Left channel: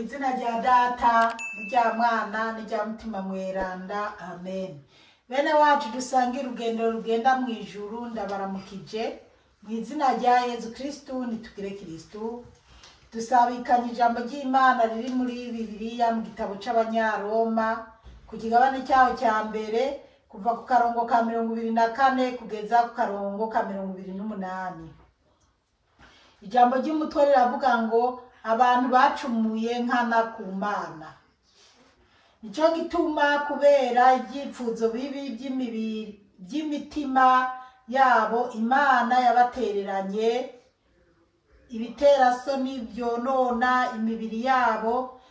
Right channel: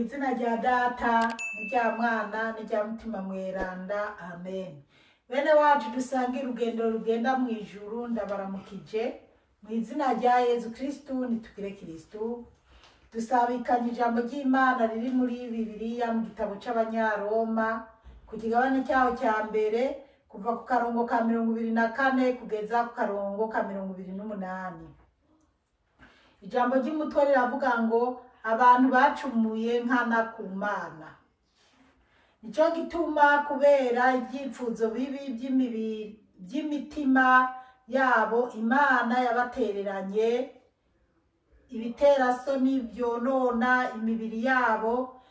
Izina rya data n'irya mwana n'irya mutima mweranda amen. Bene wacu dusangira urugendo rugenda mu ijuru ndabaramukije mu izina rya Yesu Kristo nitugire Kristo. Dusabikanye ijambo ry'Imana riri muri Bibiliya mu gitabo c'Abanyaroma ku kigabane cyaho cya mbere kuva ku karongo ka 24 kugeza ku karongo ka 28. Ijambo ry'umutwe riravuga ngo abantu bacumuye nkana ku Mana. Nico gituma kubera ibyipfuzo bibi by'imitima yabo Imana yabatereranye ibiterasoni byonona imibiri yabo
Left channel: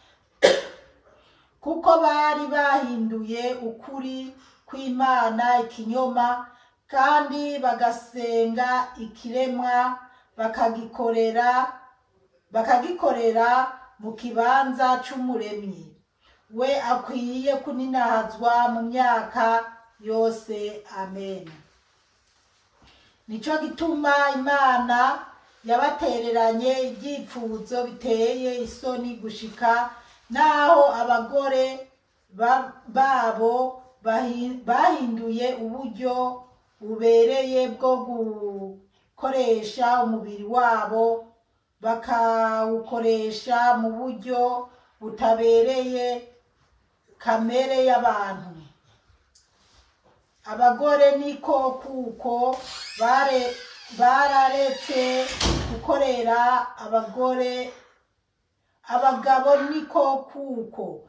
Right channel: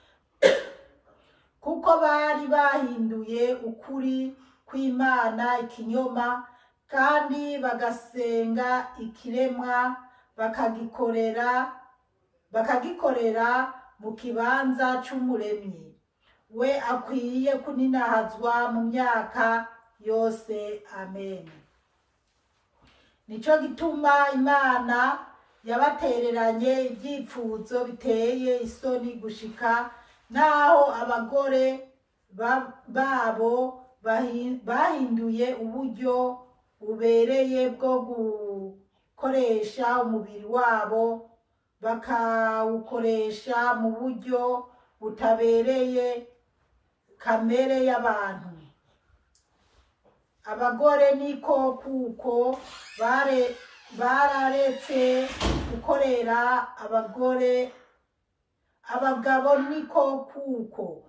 kuko bari bahinduye ukuri kw'Imana ikinyoma kandi bagasenga ikiremwa bakagikorera mu kibanza c'umuremyi we akwiye kuninahazwa mu myaka yose amen. Nico gituma Imana yabatereranye ibyipfuzo biteye isoni gushika naho abagore babo bahinduye uburyo bubereye bwo gukoresha umubiri wabo bakawukoresha mu buryo butabereye kamere y'abantu. Abagore niko kuko bararetse gukorera abagabo niko kuko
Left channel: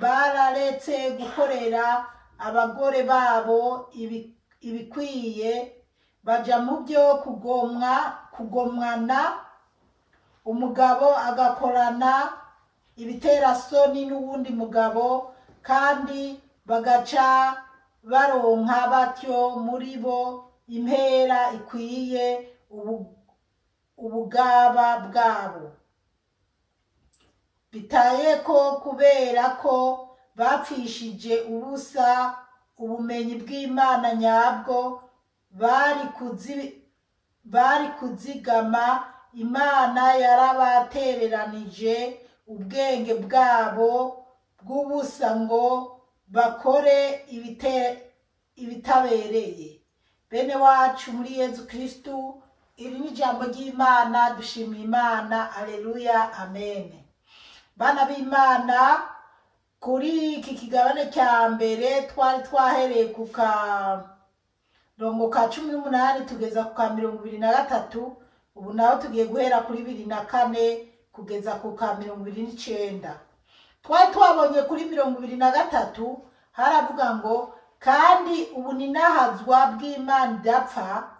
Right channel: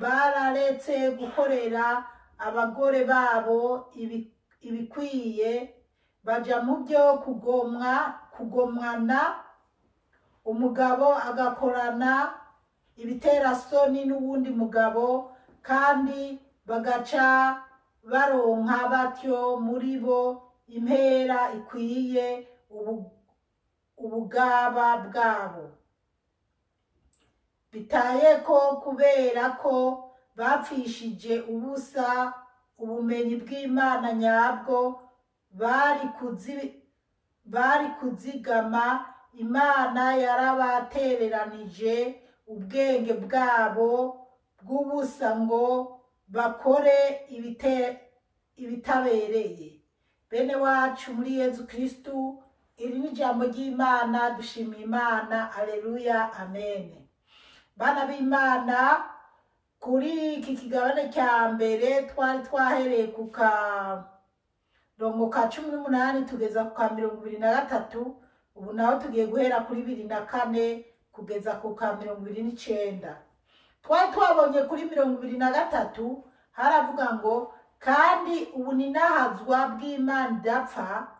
bararetse gukorera abagore babo ibikwiye baja mu byo kugomwana, umugabo agakorana ibiterasoni n'uwundi mugabo kandi bagaca baronka batyo muri bo impera ikwiye ubugaba bwabo. Bitaye ko kubera ko bapfishije ubusa ubumenyi bw'Imana nyabwo bari kuzigama, Imana yarabatereranije ubwenge bwabo bw'ubusa ngo bakore ibitabereye. Bene wacu muri Yesu Kristo, iri ni ijambo ry'Imana, dushimira Imana, aleluya, amen. Bana b'Imana, kuri iki kigabane cya mbere twari twahereye ku karongo ka 18 tugeza ku ka 23, ubu naho tugiye guhera kuri 24 kugeza ku ka 29. Twari twabonye kuri 23 haravuga ngo kandi ubu ninahazwa bw'Imana idapfa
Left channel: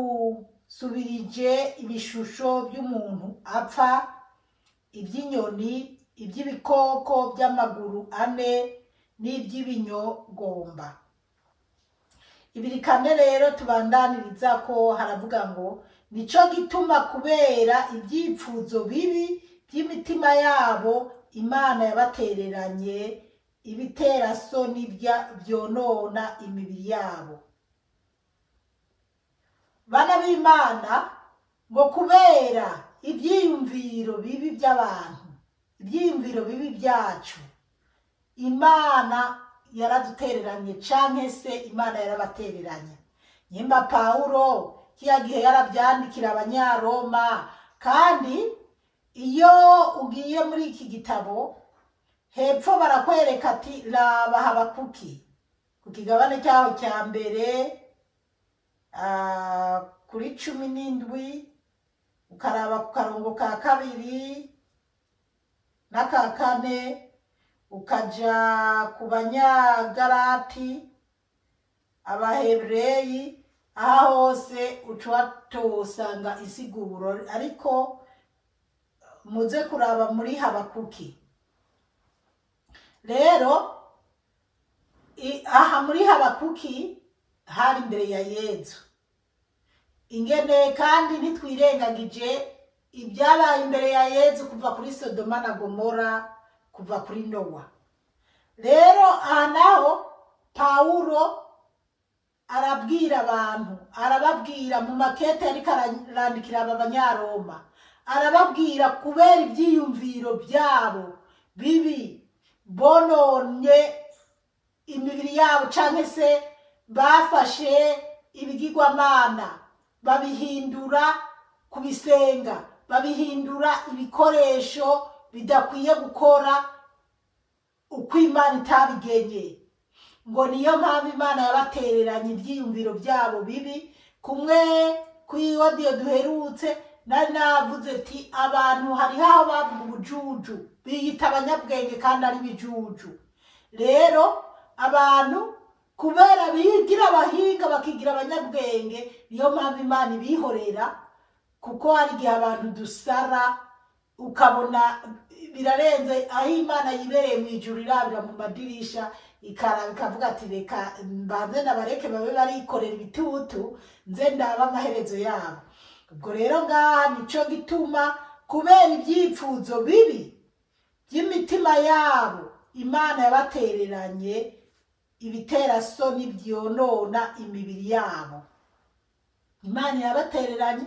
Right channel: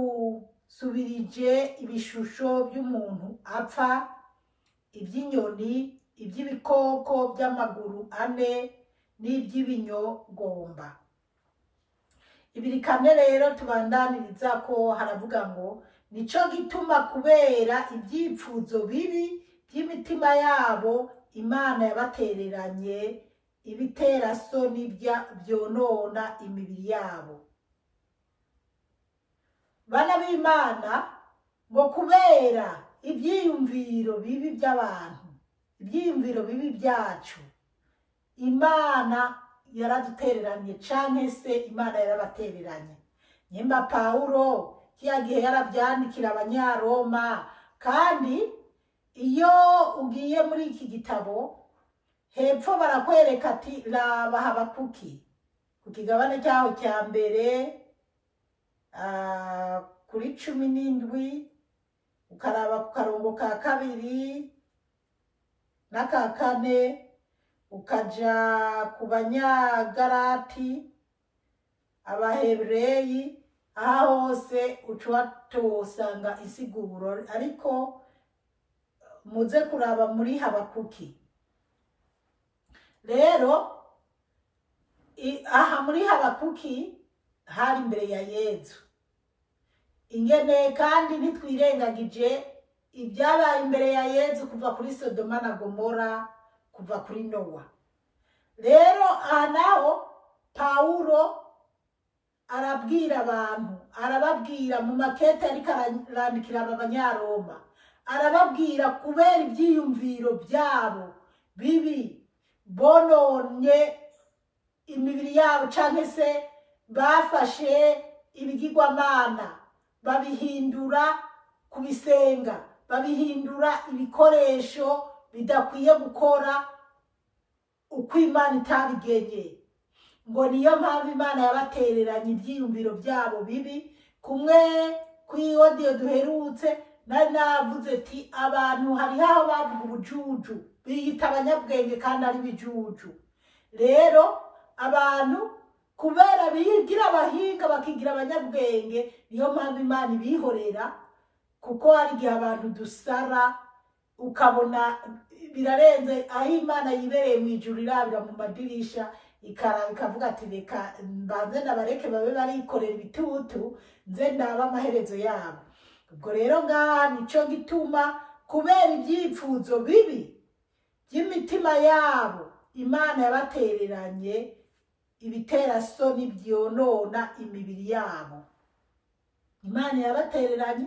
babusubirije ibishusho by'umuntu apfa, iby'inyoni, iby'ibikoko by'amaguru ane n'iby'ibinyogomba. Ibirikane rero tubandaniriza ko haravuga ngo nico gituma kubera ibyipfuzo bibi by'imitima yabo Imana yabatereranye ibiterasoni byonona imibiri yabo. Bana b'Imana, ngo kubera ibyiyumviro bibi by'abantu, ibyiyumviro bibi byacu, Imana yaradutereranye canke se Imana yarabatereranye. Nyimba Paulo kiya gihe yarabyandikira Abanyaroma, kandi iyo ugiye muri iki gitabo hepfo barakwereka ati raba Habakuki ku kigabane cyaho cya mbere kuri 17 ukaraba ku karongo ka 2 n'aka 4 ukaja ku Banyagalati, Abahebreyi, aha hose ucwatosanga insiguro, ariko muze kuraba muri Habakuki. Rero aha muri Habakuki hari imbere ya Yesu. Ingene kandi ntitwirengagije ibyabaye imbere ya Yesu kuva kuri Sodoma na Gomora, kuva kuri Nowa. Rero aha naho Paulo arabwira abantu, arababwira mu makete ariko arandikira aba Banyaroma, arababwira kubera ibyiyumviro byabo bibi bononye imibiri yabo, cyangwa se bafashe ibigirwamana babihindura kubisenga, babihindura ibikoresho bidakwiye gukora uko Imana itabigenye. Ngo niyo mpamvu Imana yabatereranye ibyiyumviro byabo bibi. Kumwe kuri audio duherutse nari navuze ati abantu hariho aho bavuga ubujuju, biyita abanyabwenge kandi ari bijuju. Rero abantu kubera bigira abahinga bakigira abanyabwenge, niyo mpamvu Imana ibihorera, kuko hari igihe abantu dusara ukabona birarenze aho Imana yibereye mu ijuru irabira mu madirisha ikaraba ikavuga ati reka mbanze nabareke babe barikorera ibitutu nze ndaba amaherezo yabo. Ubwo rero ngaha nico gituma kubera ibyipfuzo bibi by'imitima yabo Imana yabatereranye ibiterasoni byonona imibiri yabo. Imana yabatereranye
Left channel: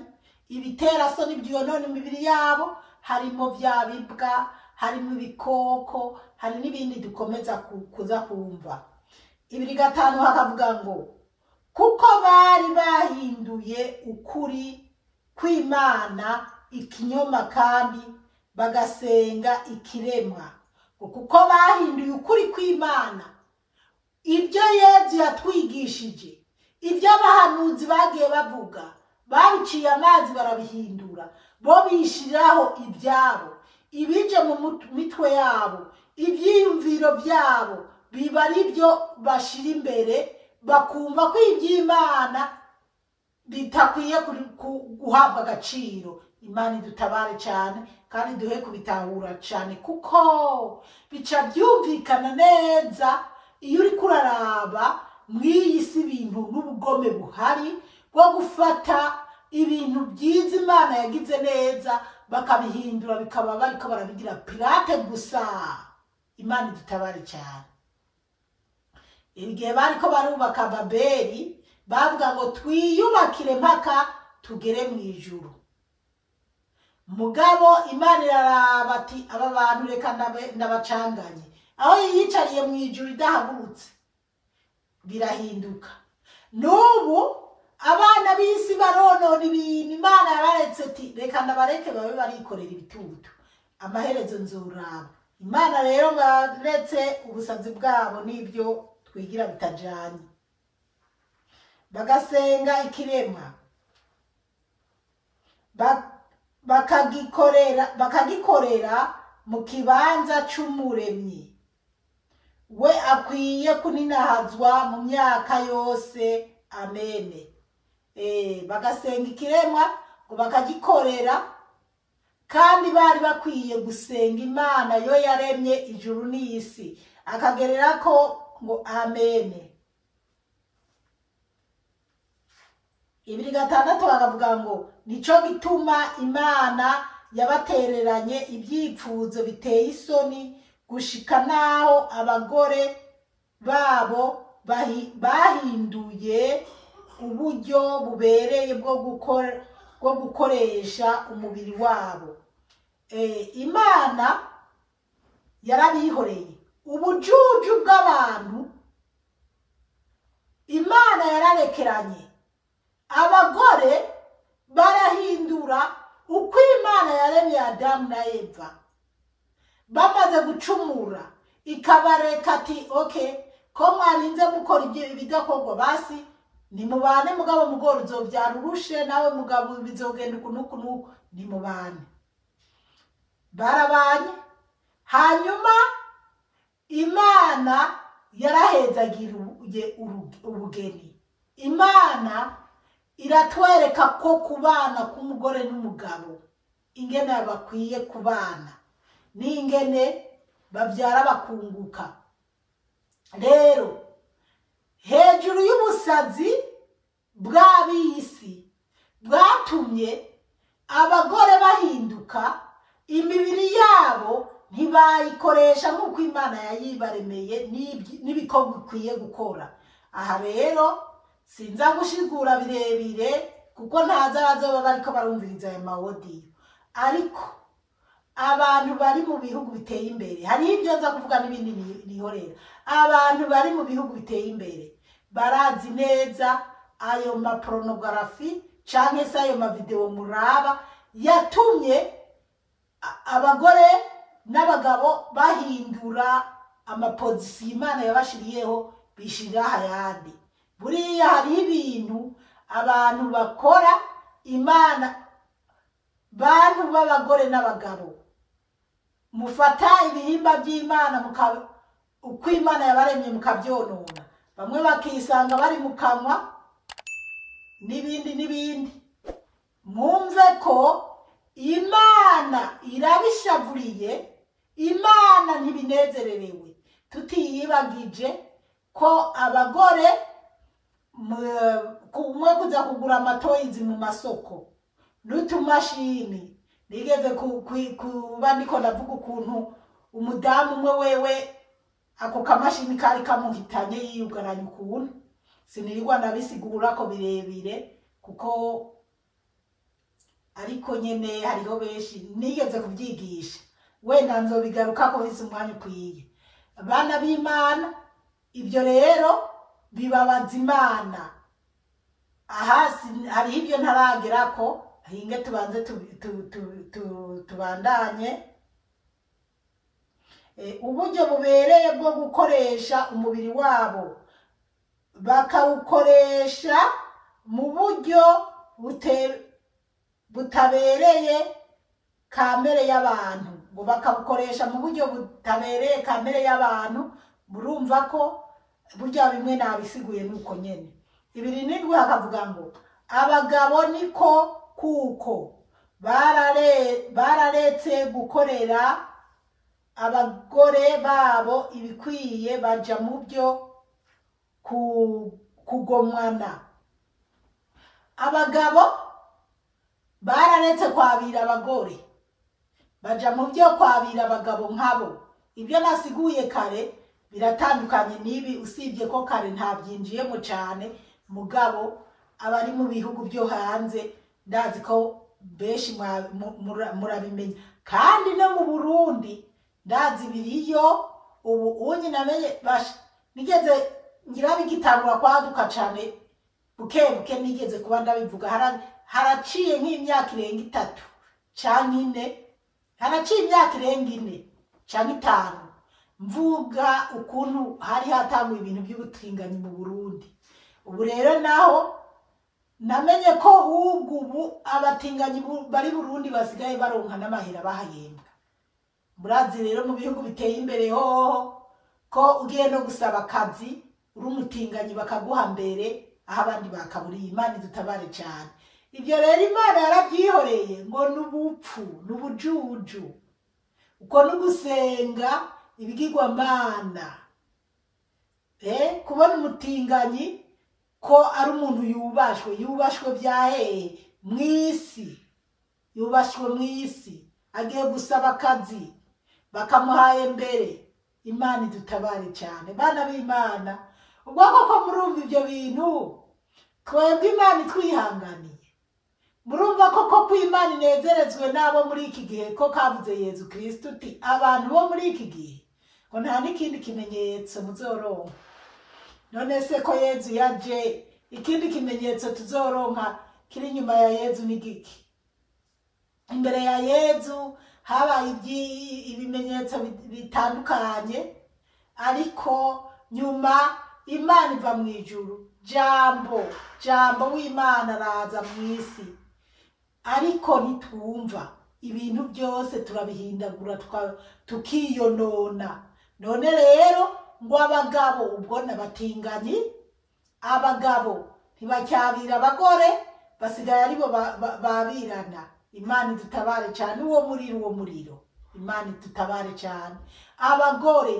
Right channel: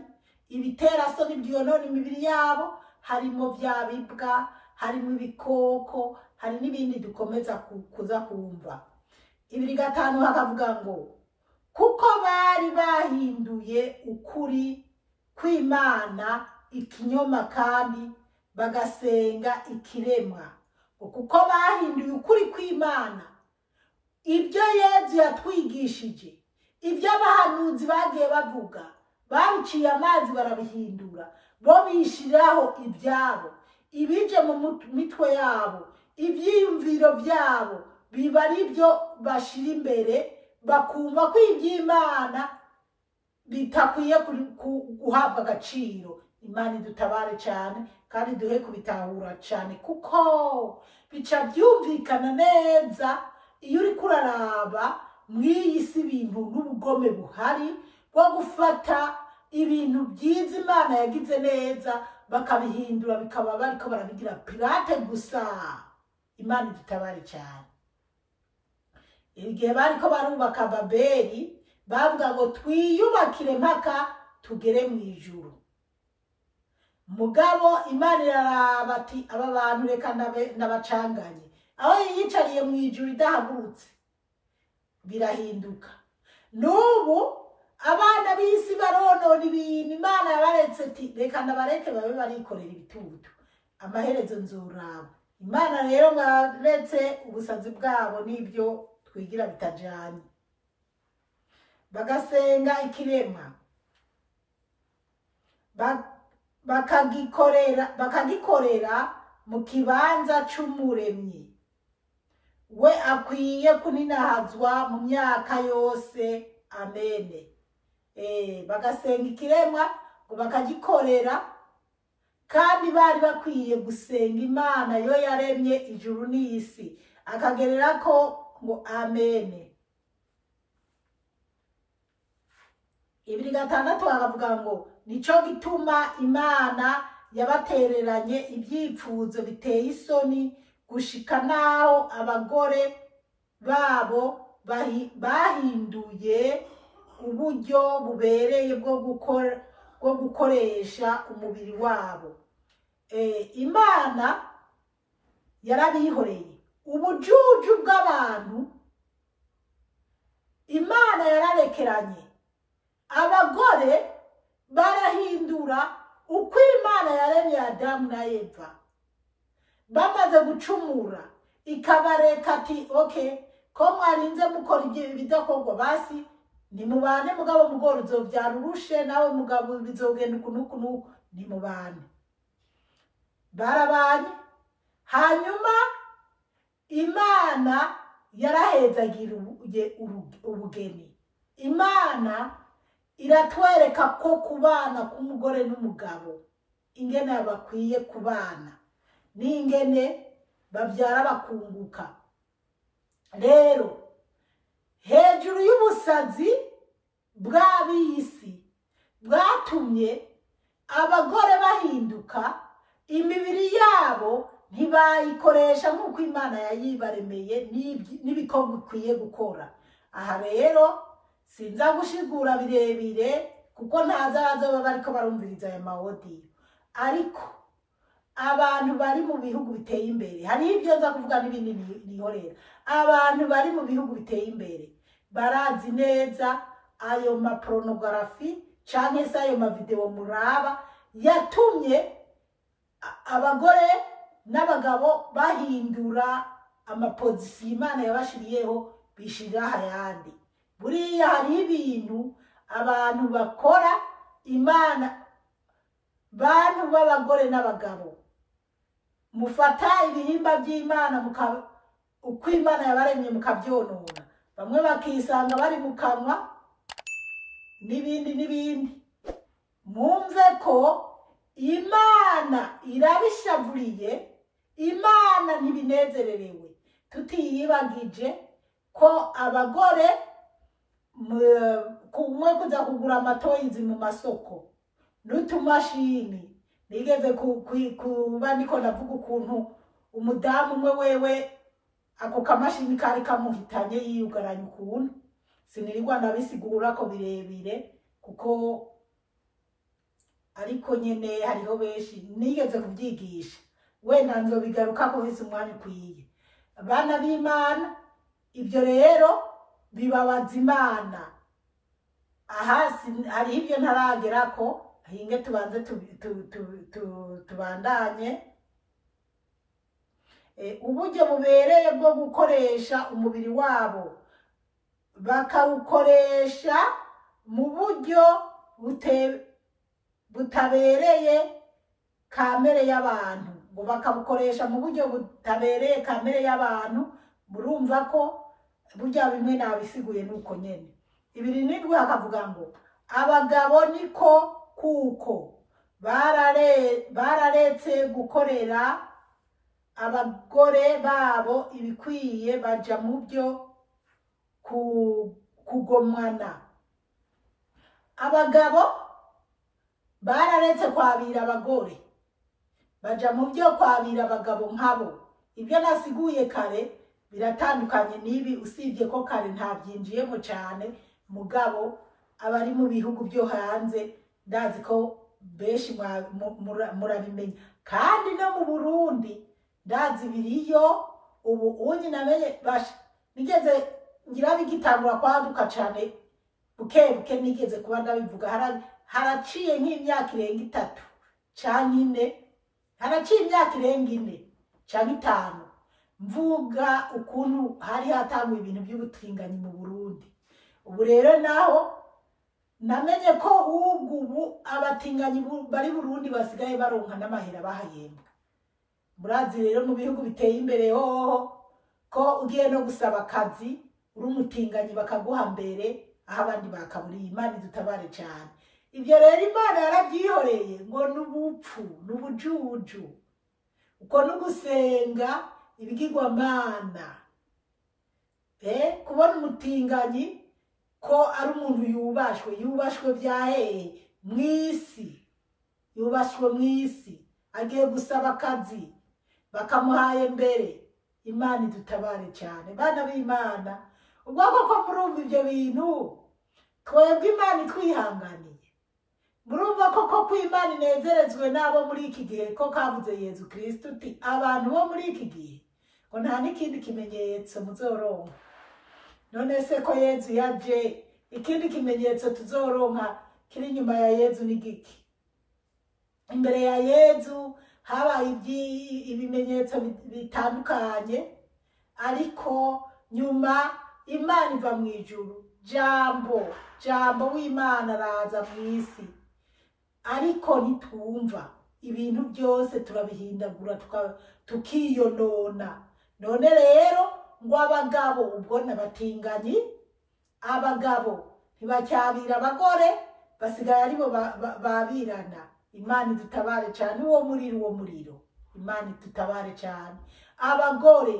ibiterasoni byonona imibiri yabo, harimo bya bibwa, harimo ibikoko, hari n'ibindi dukomeza kuza kumva. 2:5 hakavuga ngo kuko bari bahinduye ukuri kw'Imana ikinyoma kandi bagasenga ikiremwa. Kuko bahinduye ukuri kw'Imana, ibyo Yesu yatwigishije, ibyo abahanuzi bagiye bavuga, babiciye amazi barabihindura, bo bishiraho ibyabo, ibije mu mitwe yabo, ibyiyumviro byabo biba ari byo bashira imbere, bakumva ko iby'Imana bitakwiye guhabwa agaciro. Imana idutabare cyane kandi duhe kubitahura cyane, kuko bica byumvikana neza iyo uri kuraraba mw'iyi si ibintu n'ubugome buhari bwo gufata ibintu byiza Imana yagize neza bakabihindura bikaba bariko barabigira pirate gusa. Imana idutabare cyane. Igihe bariko barubaka Babeli bavuga ngo twiyubakire mpaka tugere mu ijuru. Mugabo Imana iraraba ati aba bantu reka nabacanganye, aho yiyicariye mu ijuru idahagurutse birahinduka. N'ubu abana b'isi baronona ibintu Imana yabaretse ati reka nabareke babe barikorera ibitutu, amaherezo nzuraba. Imana rero ngaretse ubusazi bwabo n'ibyo twigira bitajanye, bagasenga ikiremwa, bakagikorera mu kibanza c'Umuremyi. We akwiye kuninahazwa mu myaka yose. Amen. Bagasenga ikiremwa ngo bakagikorera, kandi bari bakwiye gusenga Imana yo yaremye ijuru n'isi, akagerera ko ngo amen. 2:6 bakavuga ngo nico gituma Imana yabatereranye ibyipfuzo biteye isoni gushika naho abagore babo bahinduye uburyo bubereye bwo gukoresha umubiri wabo. Imana yarabihoreye ubujuju bw'abantu, Imana yararekeranye. Abagore barahindura uko Imana yaremye Adamu na Eva, bamaze gucumura ikabareka ati okay, ko mwarinze mukora ibyo bidakorwa basi nimubane, mugabo mugore uzovyara urushe, nawe mugabo bizogenda ukunuku nimubane. Barabanye. Hanyuma Imana yarahezagira ubugeni. Imana iratwereka ko kubana k'umugore n'umugabo ingene bakwiye kubana n'ingene bavyara bakunguka. Rero hejuru y'ubusazi bw'abisi bwatumye abagore bahinduka, imibiri yabo ntibayikoresha nk'uko Imana yayibaremeye n'ibikorwa bikwiye gukora. Aha rero sinza gushigura birebire kuko ntaza bazoba bariko barumviriza ayo mawodiyo, ariko abantu bari mu bihugu biteye imbere, hari ibyo nza kuvuga n'ibindi nihorera, abantu bari mu bihugu biteye imbere barazi neza ayo mapornography canke se ayo mavideo muraba yatumye abagore n'abagabo bahindura amapozisiyo Imana yabashiriyeho bishirira ayandi. Buriya hari ibintu abantu bakora Imana, bantu b'abagore n'abagabo mufata ibihimba by'Imana uko Imana yabaremye mukavyonona, bamwe bakisanga bari mu kanwa n'ibindi. Mumve ko Imana irabishavuriye, Imana ntibinezererewe, tutiyibagije ko abagore kumwe kuza kugura amatoyizi mu masoko n'utumashini. Nigeze kuba ndiko navuga ukuntu umudamu umwe wewe ako kamashini kari kamuhitanye yiyugaranya ukuntu, sinirirwa nabisigura ko birebire kuko ariko nyene hariho benshi nigeze kubyigisha, wenda nzobigaruka ko hise umwanya ukwiye. Abana b'Imana, ibyo rero bibabaza Imana. Ahasi hari ibyo ntaragerako, hinge tubanze tubandanye. Uburyo bubereye bwo gukoresha umubiri wabo bakawukoresha mu buryo butabereye kamere y'abantu, ngo bakabukoresha mu buryo butabereye kamere y'abantu. Murumva ko burya bimwe nabisiguye nuko nyene. 2:7 hakavuga ngo abagabo niko kuko bararetse gukorera abagore babo ibikwiye, baja mu byo kugomwana. Abagabo bararetse kwabira abagore, baja mu byo kwabira abagabo nkabo. Ibyo nasiguye kare biratandukanye nibi, usibye ko kare ntabyinjiyemo cyane. Mugabo abari mu bihugu byo hanze ndazi ko benshi murabimenya, kandi no mu Burundi ndazi biriyo. Ubu unyi namenye nigeze ngira bigitangura kwaduka cyane buke nigeze kuba ndabivuga, haraciye nk'imyaka irenga 3 canke 4, haraciye imyaka irenga 4 canke 5 mvuga ukuntu hari hatanguye ibintu by'ubutinganyi mu Burundi. Ubu rero naho namenye ko ubu abatinganyi bari Burundi basigaye baronka n'amahera bahayembwa. Murazi rero mu bihugu biteye imbere ko ugiye no gusaba akazi uri umutinganyi bakaguha mbere, aho abandi bakaburiye. Imana dutabare cyane. Ibyo rero Imana yarabyihoreye ngo n'ubupfu n'ubujuju, uko no gusenga ibigirwamana. Kubona umutinganyi ko ari umuntu yubashwe byahehe mwisi, yubashwe mwisi, agiye gusaba akazi bakamuhaye mbere. Imana dutabare cyane bana b'Imana. Ubwo koko murumva ibyo bintu, twebwe Imana twihanganiye. Murumva koko ko Imana inezerezwe nabo muri iki gihe, ko kavuze Yezu Kristo uti abantu bo muri iki gihe ngo nta n'ikindi kimenyetso muzoronka. None se ko Yezu yaje, ikindi kimenyetso tuzoronka kiri nyuma ya Yezu ni giki? Imbere ya Yezu habaye ibimenyetso bitandukanye, ariko nyuma Imana iva mu ijuru, jambo w'Imana araza mu isi. Ariko nitwumva ibintu byose turabihindagura tukiyonona. None rero ngo abagabo ubwo n'abatinganyi, abagabo ntibacyabira abagore, basigaye aribo babirana. Imana dutabare cyane uwo muriro. Imana dutabare cyane. Abagore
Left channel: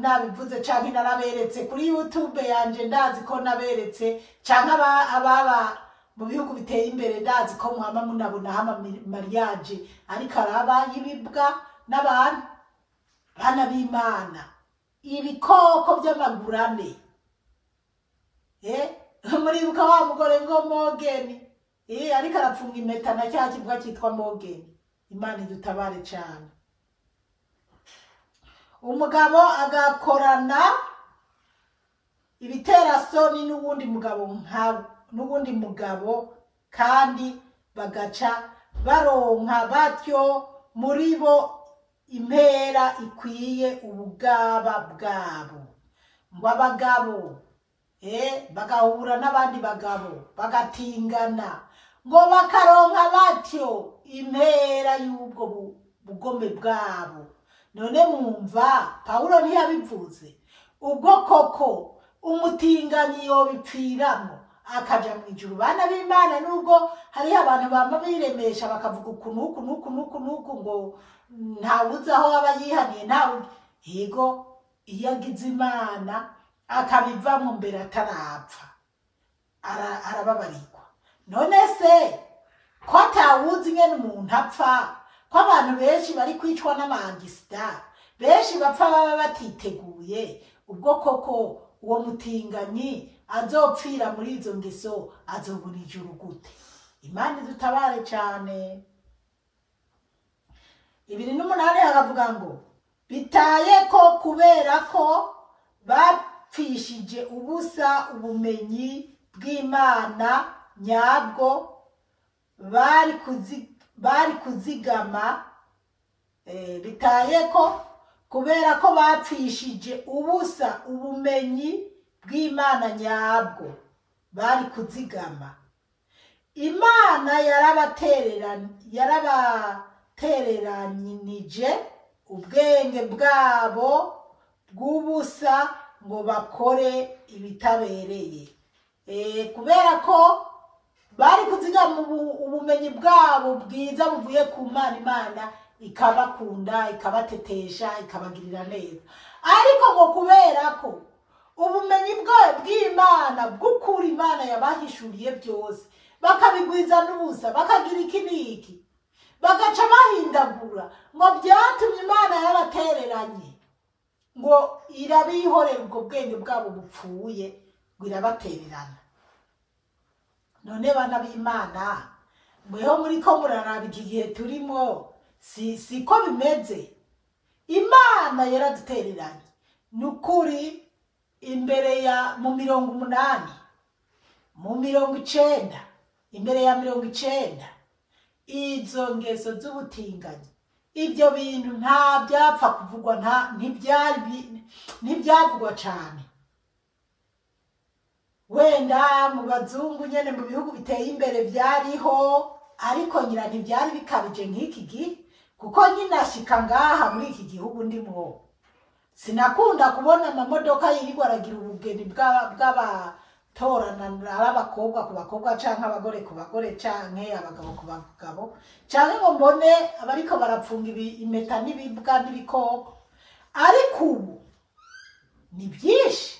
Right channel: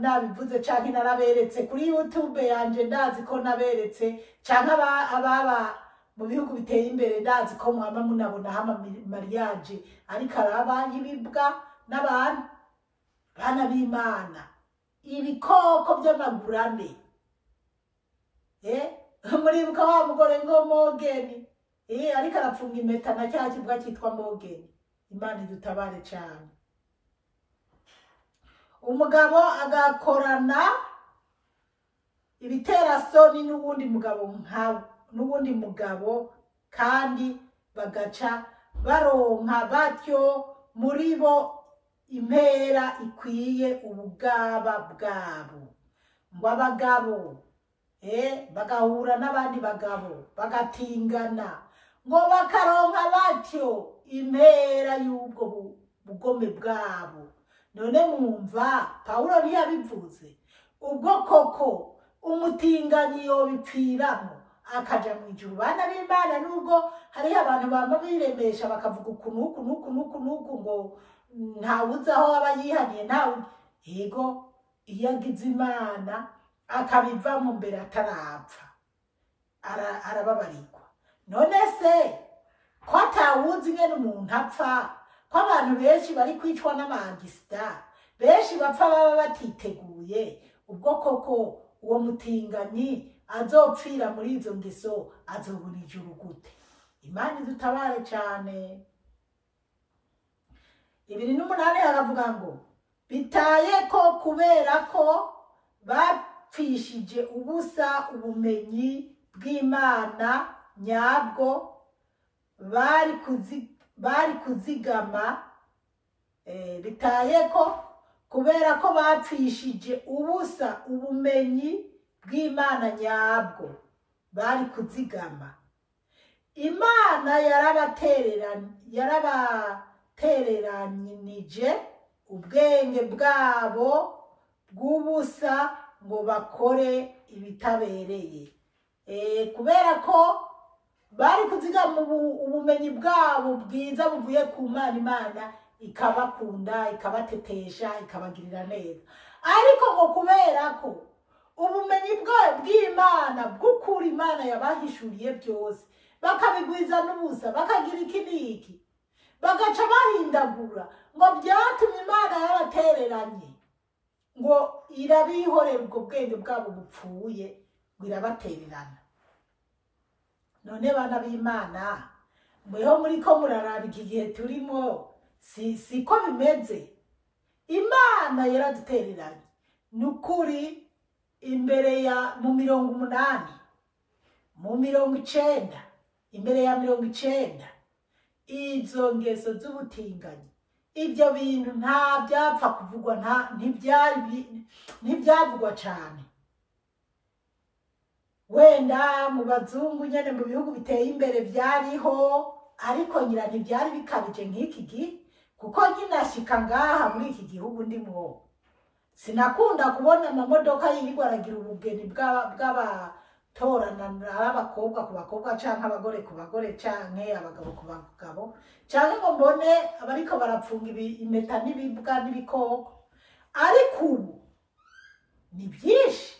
nabivuze canke naraberetse kuri YouTube yanje, ndazi ko naberetse canke ababa mu bihugu biteye imbere, ndazi ko mwama munabona hama mariage ariko araba y'ibibwa n'abantu. Bana b'Imana, ibikoko by'amagurane. Muribuka wa mugore ngo Mogeni ariko arapfunga impeta na cya kibwa cyitwa Mogeni. Imana idutabare cyane. Umugabo agakorana ibiterasoni n'ubundi mugabo kandi bagaca baronka batyo muri bo impera ikwiye ubugaba bwabo. Ngo abagabo bagahura n'abandi bagabo bagatingana ngo bakaronka batyo impera y'ubwo bugome bwabo. None mwumva Pawulo ntiyabivuze ubwo koko umutinganyi yobipfiramo akaja mu ijuru? Bana b'Imana, nubwo hari abantu bamba biremesha bakavuga uku ngo ntawuzi aho aba yihaniye, ntawe yego, iyo agize Imana akabivamo mbere atarapfa arababarirwa. None se ko atawuzi nyene umuntu apfa, ko abantu benshi bari kwicwa n'amangisida, benshi bapfa baba batiteguye, ubwo koko uwo mutinganyi azopfira muri izo ngeso azobona ijuru gute? Imana idutabare cyane. 2:8 haravuga ngo bitaye ko kubera ko bapfishije ubusa ubumenyi bw'Imana nyabwo bari kuzigama. Bitaye ko kubera ko bapfishije ubusa ubumenyi bw'Imana nyabwo bari kuzigama, Imana yarabatereranije ubwenge bwabo bw'ubusa ngo bakore ibitabereye. Kubera ko bari kuzigama ubumenyi bwabo bwiza buvuye ku Mana, Imana ikabakunda, ikabatetesha, ikabagirira neza. Ariko ngo kubera ko ubumenyi bw'Imana bw'ukuri Imana yabahishuriye byose bakabigwiza n'ubusa, bakagira iki n'iki, bagaca bahindagura, ngo byatumye Imana yabatereranye, ngo irabihorera ubwo bwenge bwabo bupfuye, ngo irabatererana. None bana b'Imana, mweho muri ko muraraba iki gihe turimo, siko bimeze. Imana yaradutereranye nukuri. Imbere ya mu 80, mu 90, imbere ya 90, izo ngeso z'ubutinganyi, ibyo bintu nta byapfa kuvugwa, ntibyavugwa cyane. Wenda mu bazungu nyene mu bihugu biteye imbere byariho, ariko nyira ntibyari bikabije nk'iki gihe, kuko nyina ashika ngaha muri iki gihugu ndimo sinakunda kubona amamodoka yirirwa aragira ubugeni bw'abatorana abakobwa ku bakobwa canke abagore ku bagore canke abagabo ku bagabo, canke ngo mbone abariko barapfunga impeta n'ibibwa n'ibikoko. Ariko ubu ni byinshi,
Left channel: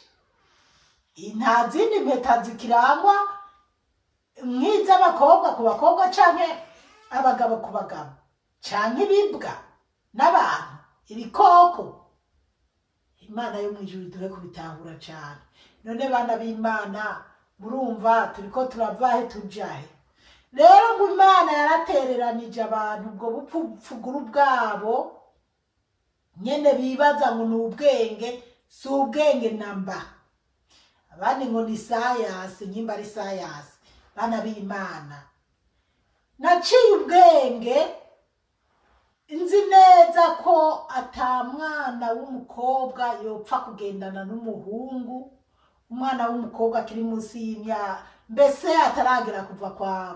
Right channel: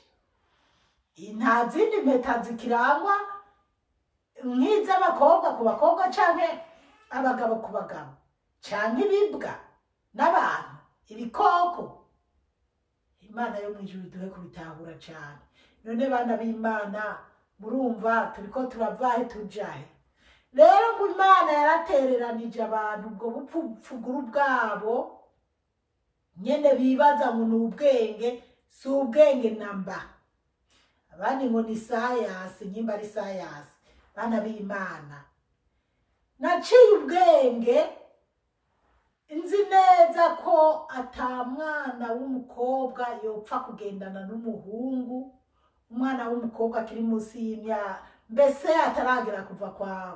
nta zindi mpeta zikirangwa nk'iz'abakobwa ku bakobwa canke abagabo ku bagabo, canke ibibwa n'abantu, ibikoko. Imana yo mwijuru duhe kubitahura cyane. None bana b'Imana, murumva turiko turavahe tujahe? Rero ngo Imana yaratereranije abantu ubwo bupfuguru bwabo nyene bibaza ngo ni ubwenge, si ubwenge namba. Abandi ngo ni sayasi, nyimba ari sayasi. Bana b'Imana, naciye ubwenge, inzi neza ko atamwana w'umukobwa yopfa kugendana n'umuhungu, umwana w'umukobwa akiri munsi y'imyaka, mbese ataragera kuva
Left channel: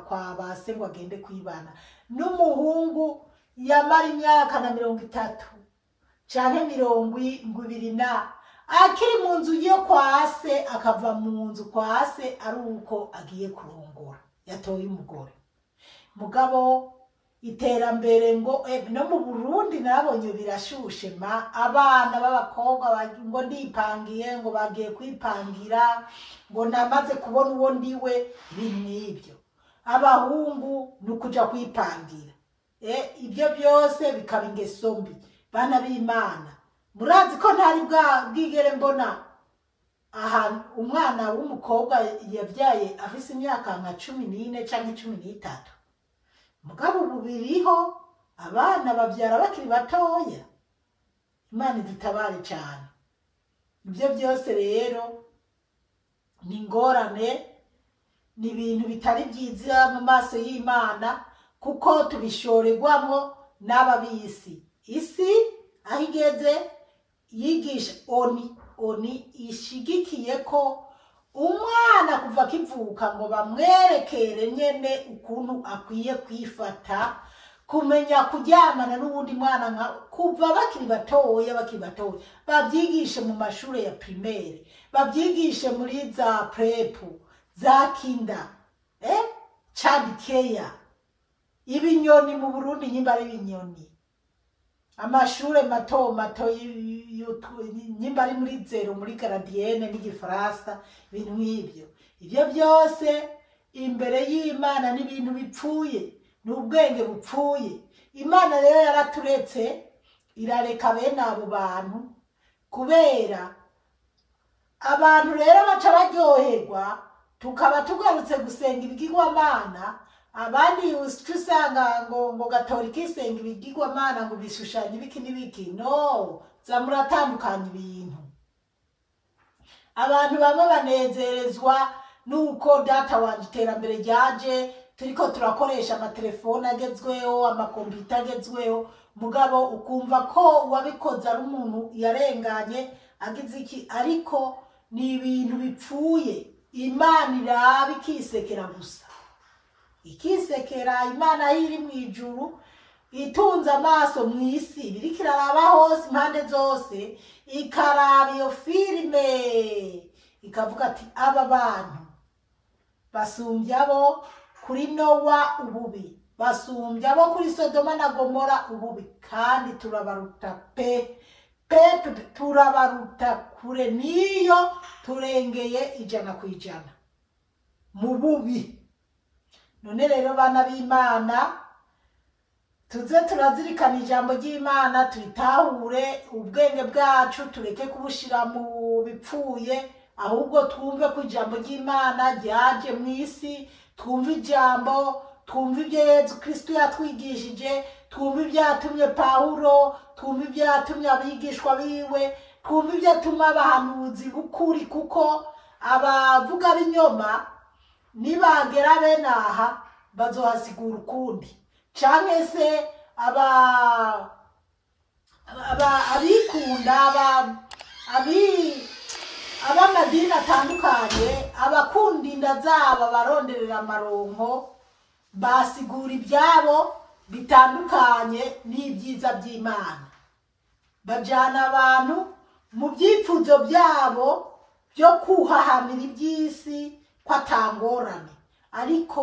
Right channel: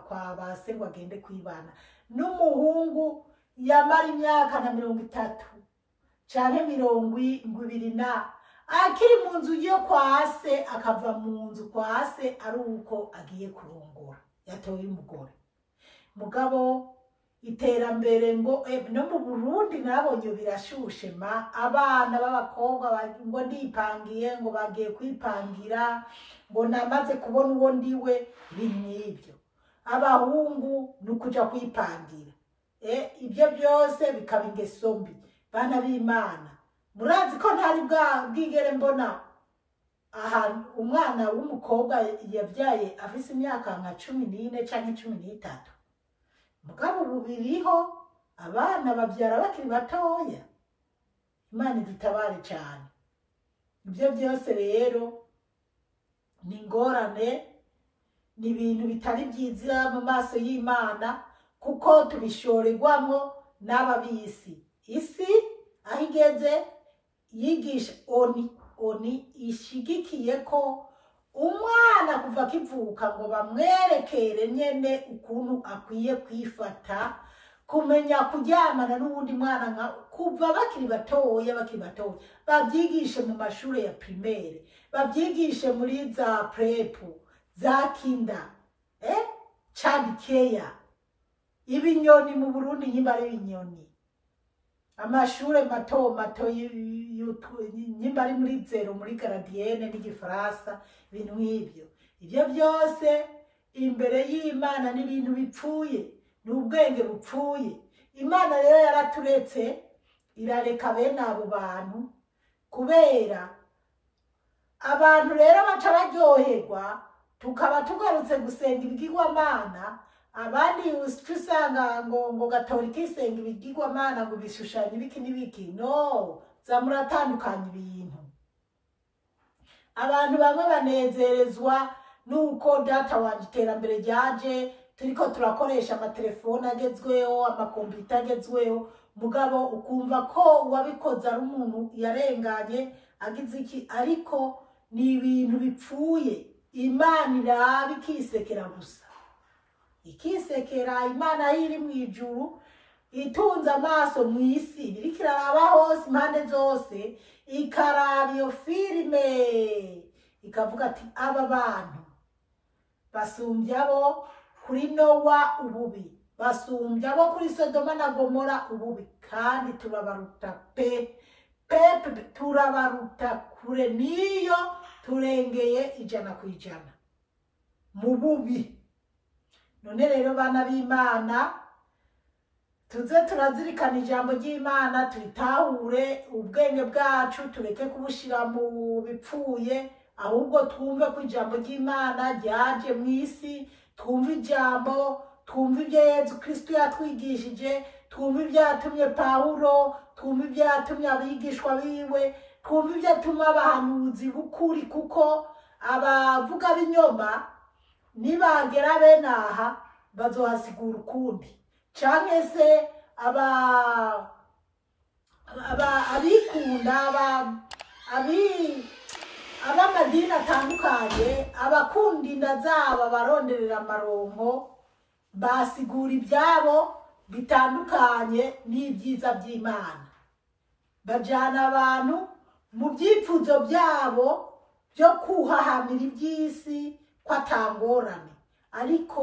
kwa base ngo agende kwibana n'umuhungu yamara imyaka na 30 canke 20 akiri mu nzu yo kwa se, akava mu nzu kwa se ari uko agiye kurongora, yatoye umugore. Mugabo iterambere ngo no mu Burundi nabonye birashushe, abana b'abakobwa ngo ndipangiye, ngo bagiye kwipangira, ngo namaze kubona uwo ndiwe. Ibintu abahungu nukuja kwipangira, ibyo byose bikaba ingeso mbi. Bana b'Imana, murazi ko ntari bwigere mbona aha umwana w'umukobwa yabyaye afise imyaka nka 14 canke 13, mugabo ubu biriho abana bavyara bakiri batoya. Imana idutabare cyane. Ibyo byose rero ni ingorane, ni ibintu bitari byiza mu maso y'Imana, kuko tubishorerwamo n'ababisi. Isi aho igeze yigisha oni ishigikiye ko umwana kuva akivuka ngo bamwerekere nyene ukuntu akwiye kwifata, kumenya kuryamana n'ubundi mwana kuva bakiri batoya babyigishe mu mashuri ya primaire, babyigishe muri za prep, za kinda, child care. Ibinyoni mu Burundi nyimba ari ibinyoni, amashure mato nyimba ari muri zero, muri garadienne n'igifaransa, ibintu nk'ibyo. Ibyo byose imbere y'Imana n'ibintu bipfuye, n'ubwenge bupfuye. Imana rero yaraturetse irareka bene abo bantu, kubera abantu rero baca baryoherwa, tukaba tugarutse gusenga ibigirwamana. Abandi usanga ngo Gatolika isenga ibigirwamana, ngo bishushanya ibiki n'ibiki. No, zamuratandukanya ibintu. Abantu bamwe banezerezwa nuko data wanje iterambere ryaje, turiko turakoresha amatelefone agezweho, amakompiyuta agezweho, mugabo ukumva ko uwabikoze ari umuntu yarenganye agize iki. Ariko ni ibintu bipfuye. Imana iraba ikisekera gusa, ikisekera. Imana aho iri mu ijuru itunze amaso mu isi, biriko iraraba hose impande zose, ikaraba iyo filime ikavuga ati aba bantu basumbya bo kuri Nowa ububi, basumbya bo kuri Sodoma na Gomora ububi, kandi turabaruta turabaruta kure, niyo turengeye 100% mu bubi. None rero bana b'Imana, tuze turazirikana ijambo ry'Imana, tuyitahure, ubwenge bwacu tureke kubushira mu bipfuye, ahubwo twumve ko ijambo ry'Imana ryaje mu isi. Twumve ijambo, twumve ibyo Yesu Kristo yatwigishije, twumve ibyatumye Pawulo, twumve ibyatumye abigishwa biwe, twumve ibyatumye abahanuzi b'ukuri, kuko abavuga b'inyoma nibagera bene aha bazohasigura ukundi. Canke se abikunda, abamadini atandukanye, abakunda inda zabo, abaronderera amaronko, basigura ibyabo bitandukanye n'ibyiza by'Imana. Bajana abantu mu byipfuzo byabo byo kuhahamira iby'isi ko atangorane. Ariko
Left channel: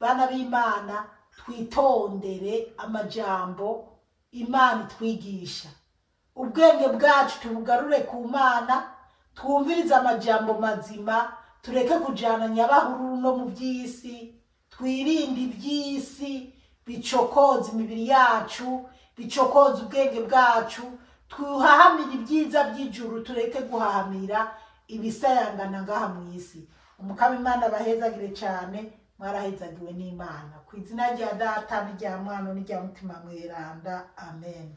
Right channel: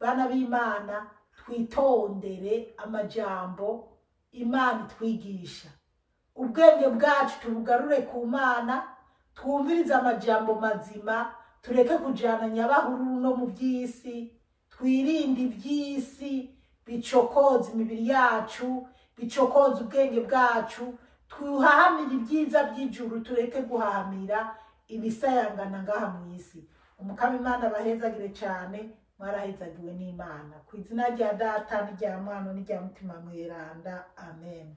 bana b'Imana, twitondere amajambo Imana itwigisha. Ubwenge bwacu tubugarure ku Mana, twumvirize amajambo mazima, tureke kujana nyabahuru no mu by'isi. Twirinde iby'isi bicokoza imibiri yacu, bicokoza ubwenge bwacu. Tuhahamira ibyiza by'ijuru, tureke guhahamira ibisayangana ngaha mu isi. Umukama Imana bahezagire cyane, mwarahezagiwe n'Imana. Ku izina rya Data n'irya Mwana n'irya Mutima Mweranda. Amen.